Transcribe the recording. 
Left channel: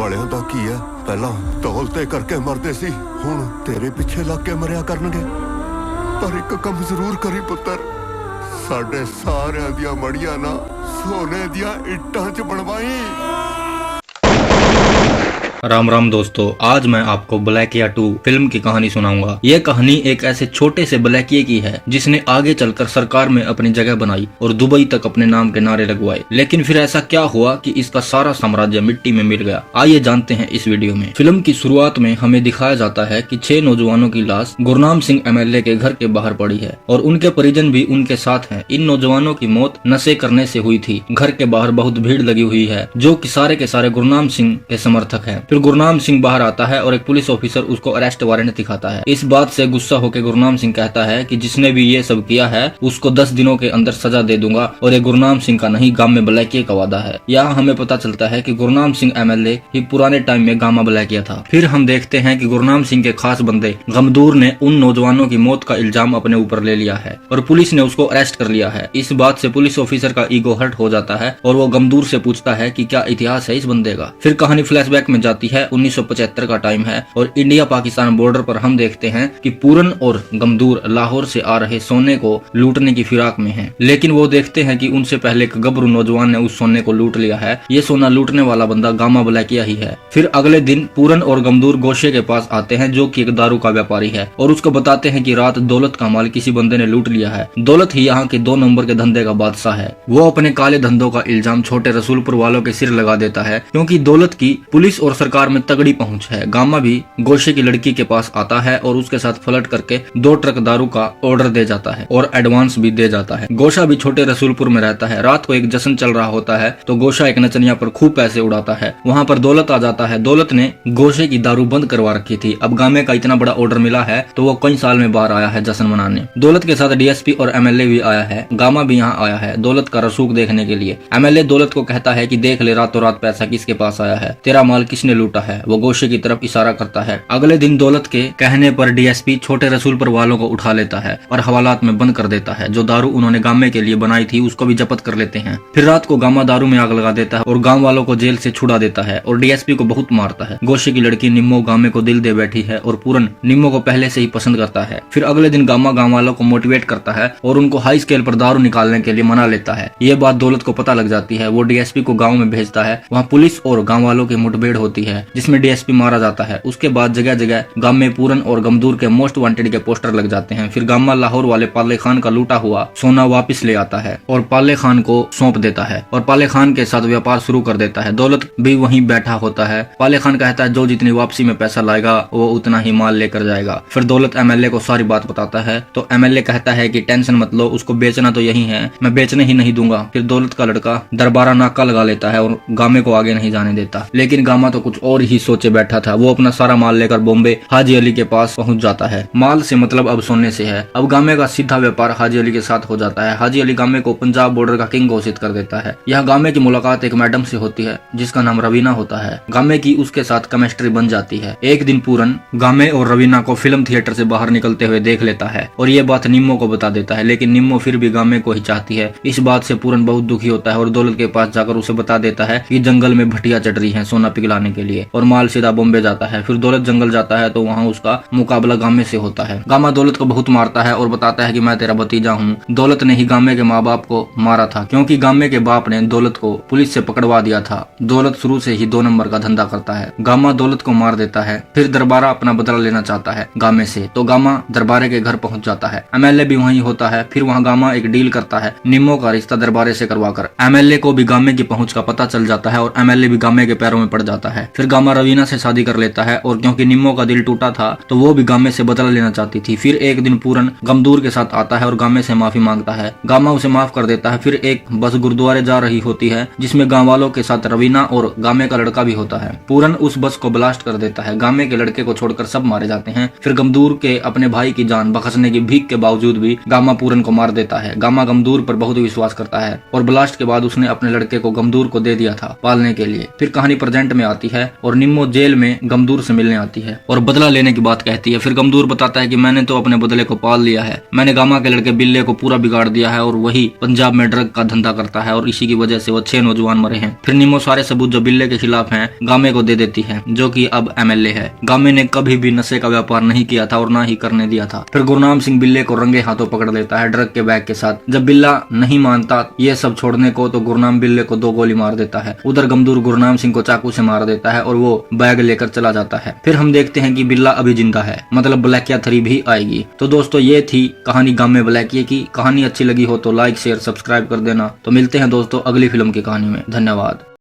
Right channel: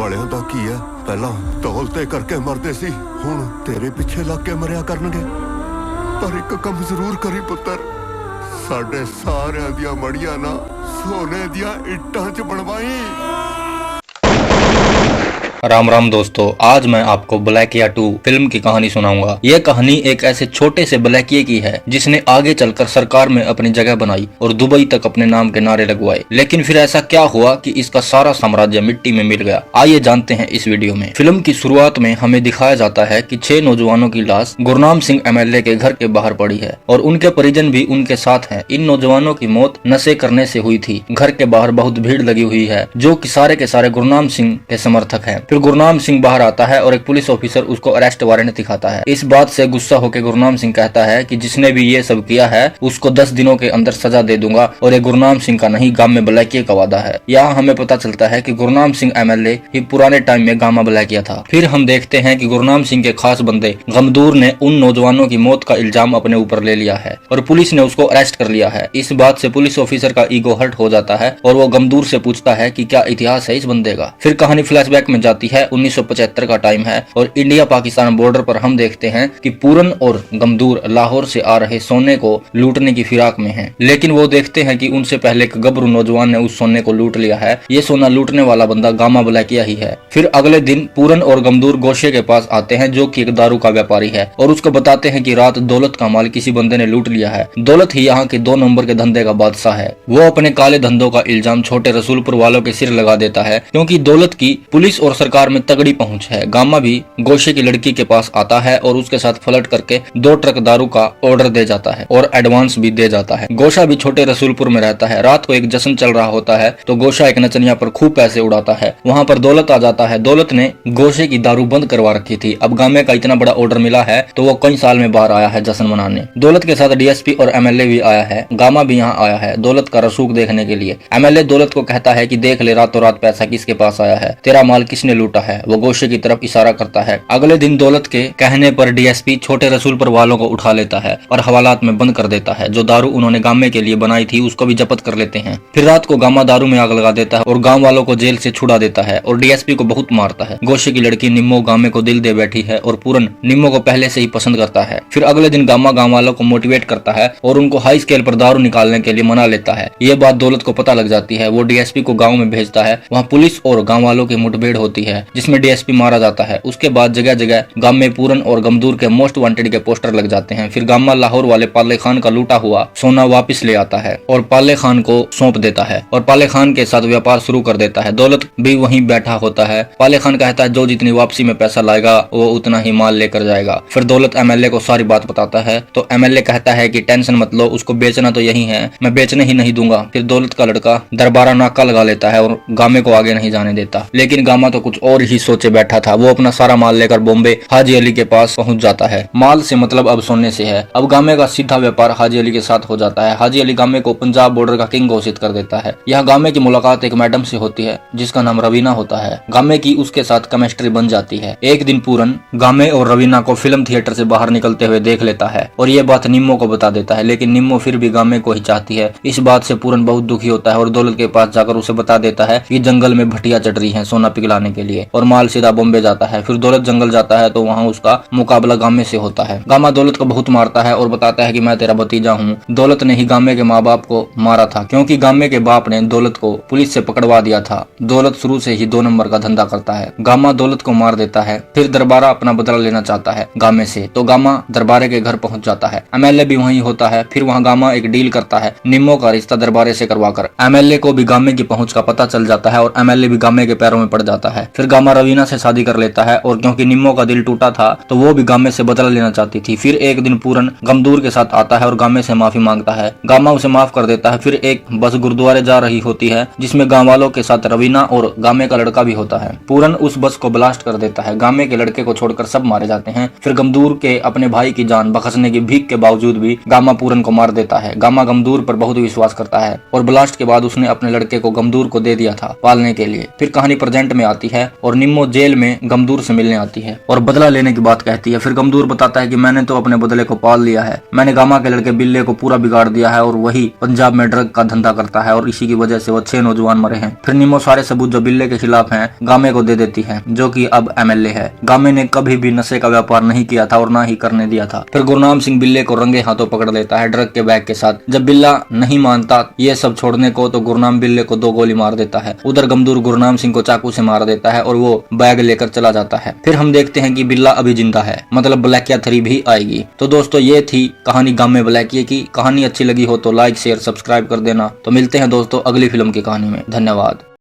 ਵਾਲਿਆਂ ਦਾ ਕੀ ਹੈ, ਪਹਿਲਾਂ ਤੌਲ ਤੇ ਕਰਕੇ ਮਰਦੇ ਸੀ, ਹੁਣ ਤੇਰੇ ਪਿੱਛੇ ਲੱਗ ਕੇ ਮਰਿਆ ਕਰਨਗੇ। ਪਰ ਇੱਕ ਕੰਮ ਜ਼ਰੂਰ ਕਰੀ ਪੁੱਤਰ, ਸਾਡੇ ਸਾਰਿਆਂ ਦੀਆਂ ਮੜੀਆਂ ਨਾ ਸੋਨੇ ਦੀਆਂ ਇੱਟਾਂ 'ਚ ਬਣਵਾਈ। राम राम दोस्तों, आज मैं आपको ब्लैकिया 2 फिल्म की कहानी सुनाऊंगा। यह कहानी एक ऐसे छोटे से ब्लैकिए की है जिसने आगे चलकर सरकार में अपनी जगह बनाई और दुबई तक अपने नाम के नारे लगवाए। लेकिन फिर ऐसा क्या हुआ कि इसका सारा साम्राज्य मिट्टी में मिल गया। आइए जानते हैं इस वीडियो में। फिल्म की शुरुआत में हमें दिखाया जाता है कि 6 नौजवानों की लाश गुरनाम सिंह MLA के घर के बाहर पड़ी है और उनके परिजन भी उनके साथ हैं। इन नौजवानों की मौत नशे करने से हुई थी। घर के बाहर बहुत भीड़ लगी हुई है जो कि सारे के सारे गुरनाम सिंह के समर्थक हैं। फिर गुरनाम सिंह बाहर आता है और एक पुलिस ऑफिसर उसको अरेस्ट वारंट दिखाता है। इस बात से गुस्सा होकर गुरनाम सिंह कहता है कि जिसने भी ये सब किया है उसको 10 दिनों के अंदर सजा दे दूंगा और ये गुरनाम सिंह का नहीं गामा ब्लैकिया का वादा है। यहाँ हमें पता चलता है कि गुरनाम सिंह MLA ही पुराने टाइम में गामा ब्लैकिया था। फिर हम देखते हैं कि गुरनाम सिंह के खास बंदे गमदूर ने उन नौजवानों की मौत का इल्जाम अपने ऊपर ले लिया है और पुलिस ने उसको अरेस्ट कर लिया है। इस बात से पुलिस ऑफिसर का ईगो हर्ट हो जाता है और वो गमदूर से पूछता है कि क्या इतिहास है इस बंदे का। फिर कहानी फ्लैशबैक में जाती है। 1975 का टाइम है और इंडिया पाकिस्तान बॉर्डर पर हम देखते हैं कि पूरन और गमदूर लाहौर से आ रहे सोने को लूटने की फिराक में हैं। लेकिन वो देखते हैं कि उनसे पहले एक गबरू नौजवान ने उस सोने को लूट लिया है। ये सोना लूटने वाला बंदा गामा ब्लैकिया ही है। फिर अगले दिन पूरन और गमदूर गोशे के पास आते हैं जो कि एक दारू का व्यापारी है और उसको बताते हैं कि रात दौलत का माल किसी बंदे ने लूट लिया है। दौलत ही यहाँ के 2 नंबर के धंधे का बादशाह है। वो अपने काले धंधों का इल्जाम छोटे रसूलपुर वालों के सिर लगा देता है क्योंकि दौलत की पुलिस और सरकार में तगड़ी पहुंच है। गामा भी गोशे की लड़की के पास आता है और उसके साथ फ्लर्ट करके 2 ट्रक दारू का ऑर्डर दे जाता है और एडवांस भी दे जाता है। गोशा भी छोटे रसूलपुर में रहता है। रात को एक जश्न चल रहा होता है तो गोशा एक नचनिया पर खूब पैसे उड़ाता है। वहाँ पर दौलत आ जाता है। दौलत ने गोशे की दारू बंद करवा रखी थी। अब गामे का इतना बड़ा ऑर्डर मिला है तो वो कई साल में बाहर आया है जश्न मनाने। दौलत के साथ DSP और MLA भी आया है। गामा भी यहाँ आया है दौलत का रसूख देखने के लिए। MLA दौलत को कहता है कि देख ले रातों रात पैसा किसके पास आया है, तेरा माल किसने लूटा है। वो गोशे की तरफ इशारा करता है। अगले दिन दौलत के कहने पर DSP छोटे रसूलपुर वालों को उठा लेता है और हवालात में बंद कर देता है। जो दारू उन्होंने गामे के लिए बनाई थी उसको भी जब्त कर लेते हैं। फिर रात को गामा दारू में आग लगा देता है और गांव वालों को जेल से छुड़ा देता है और DSP को बहुत मारता है। गोशे की लड़की निम्मो गामे को दिल दे बैठी है और पूरन निम्मो को पहले से ही पसंद करता है। फिर अगले दिन गामा गांव वालों को मोटिवेट करता है और उनको हाई स्केल पर दारू निकालने के लिए मना लेता है। ये बात दौलत को पता लग जाती है। वो DSP को गाँव में भेजता है। वहाँ पुलिस और गाँव वालों की मुठभेड़ होती है जिसमें DSP मारा जाता है। उसके बाद जगह जगह गाम में पूरन और गमदूर के मोस्ट वांटेड के पोस्टर लग जाते हैं। फिर गामा लाहौर वाले पाले खान का लूटा हुआ सोना वापस ले आता है और पाले खान को सौंप देता है और पाले खान के साथ व्यापार शुरू कर देता है। दौलत भी वहीं बैठा होता है। पाले खान कहता है जो जितनी वापसी में पैसा लाएगा वो उतना ही माल लेकर जाएगा। फिर दौलत MLA को सारी बात बताता है तो MLA कहता है कि टेंशन मत लो, उसको बेचना तो यही है, मैं बेचने ही नहीं दूंगा। फिर दौलत का लड़का दरबारा नाका लगा लेता है और गामे को आगे नहीं जाने देता। लेकिन गामा तो कुछ और ही सोचे बैठा था। वो अपना सारा माल लेकर बॉम्बे हाजी अली के पास पहुंच जाता है। माल से मतलब अब सोने से है। अब गामे का सीधा व्यापार हाजी अली के साथ हो जाता है। हाजी अली गामे को पंजाब बॉर्डर का किंग घोषित कर देता है। यहाँ गामे की मुलाकात एक मैडम से होती है जिसका नाम रवीना होता है। गामे की उसके साथ केमिस्ट्री बन जाती है। एक दिन पूरन गामे और रवीना को फिल्म थिएटर से बाहर निकलते हुए देख लेता है और ये बात निम्मो को बता देता है। लेकिन निम्मो फिर भी गामे को ही चाहती है। इस बात से पूरन बहुत दुखी होता है और दौलत के पास जाकर उसे बता देता है कि जंगल में भटिया चढ़ रही है सोना पिघलाने के लिए और माल सीधा बॉम्बे जाता है। फिर दौलत जंगल जाता है तो वहाँ उसका मुकाबला गामे से होता है। गामा दौलत को बहुत मारता है और बताता है कि मैं तेरा भतीजा हूँ। दौलत ने ही गामे के माँ बाप को मारा था क्योंकि गामे के बाप ने दौलत को पुलिस से पकड़वा दिया था। दौलत शुरू से ही 2 नंबर का धंधा करता है। गामा दौलत को मार देता है। फिर दरबारा अपना बदला लेना चाहता है गामे से तो गामा दरबारे के घर पहुंच जाता है। MLA भी वहीं होता है। फिर वहाँ गामा एक डील करता है निम्मो का रिश्ता दरबारे से करवाकर। MLA को भी गामे की पहुंच का पता चल जाता है और MLA भी गामे के पैरों में पड़ जाता है। फिर गामा रवीना से शादी कर लेता है और क्योंकि निम्मो का दिल टूटा था तो वो भी गामे से बदला लेना चाहती थी। फिर एक दिन पूरन गमदूर के साथ आता है और गामे से माफी मांगता है। गामा उसे माफ कर देता है। फिर एक बस गुरुद्वारे जा रही होती है जिसमें गांव वालों के साथ रवीना और गामे का लड़का भी होता है। पूरन उस बस को ब्लास्ट कर देता है। गामे के लड़के को छोड़कर सब मारे जाते हैं। फिर गमदूर के अपने भाई की जान बख्शने की भीख के बावजूद भी गामा पूरन को मार देता है। गामा गमदूर पर बहुत विश्वास करता है और ब्लास्ट के बाद उसने अपने लड़के को गमदूर को दे दिया था पालने के लिए। फिर कहानी प्रेजेंट में आती है है और निम्मो जेल में गमदूर से मिलने आती है और बदला लेने की बात कहती है। फिर गमदूर बताता है कि मैंने तो अपने बदले को पाल लिया है, मैंने गामा के लड़के बिल्ले को पूरा बिगाड़ दिया है और वही पंजाब में ड्रग का धंधा करता है और इसी की वजह से वो 6 नौजवान मरे हैं। फिर निम्मो सारे सबूत जो बिल्ले के खिलाफ हैं गामे को दे देती है, जो कि अब MLA है। गामे ने कभी भी नशे का व्यापार नहीं किया था और ना ही करने दिया था। फिर गुरनाम सिंह बिल्ले को रंगे हाथों पकड़ लेता है ड्रग के बैग के साथ। जब बिल्ला नहीं मानता ये सब छोड़ने को तो गुरनाम बिल्ले को 2 गोली मार देता है। उधर गमदूर गुरनाम सिंह को चाकू से मार देता है और वो बैग लेकर चला जाता है। फिर हम देखते हैं कि बिल्ला अभी जिंदा है, मतलब ब्लैकिया 3 भी आएगी। तो दोस्तों ये थी कहानी गामे ब्लैकिया की। कहानी अच्छी लगी हो तो लाइक शेयर सब्सक्राइब कर देना। तो मिलते हैं दोस्तों अगली फिल्म की कहानी में। धन्यवाद।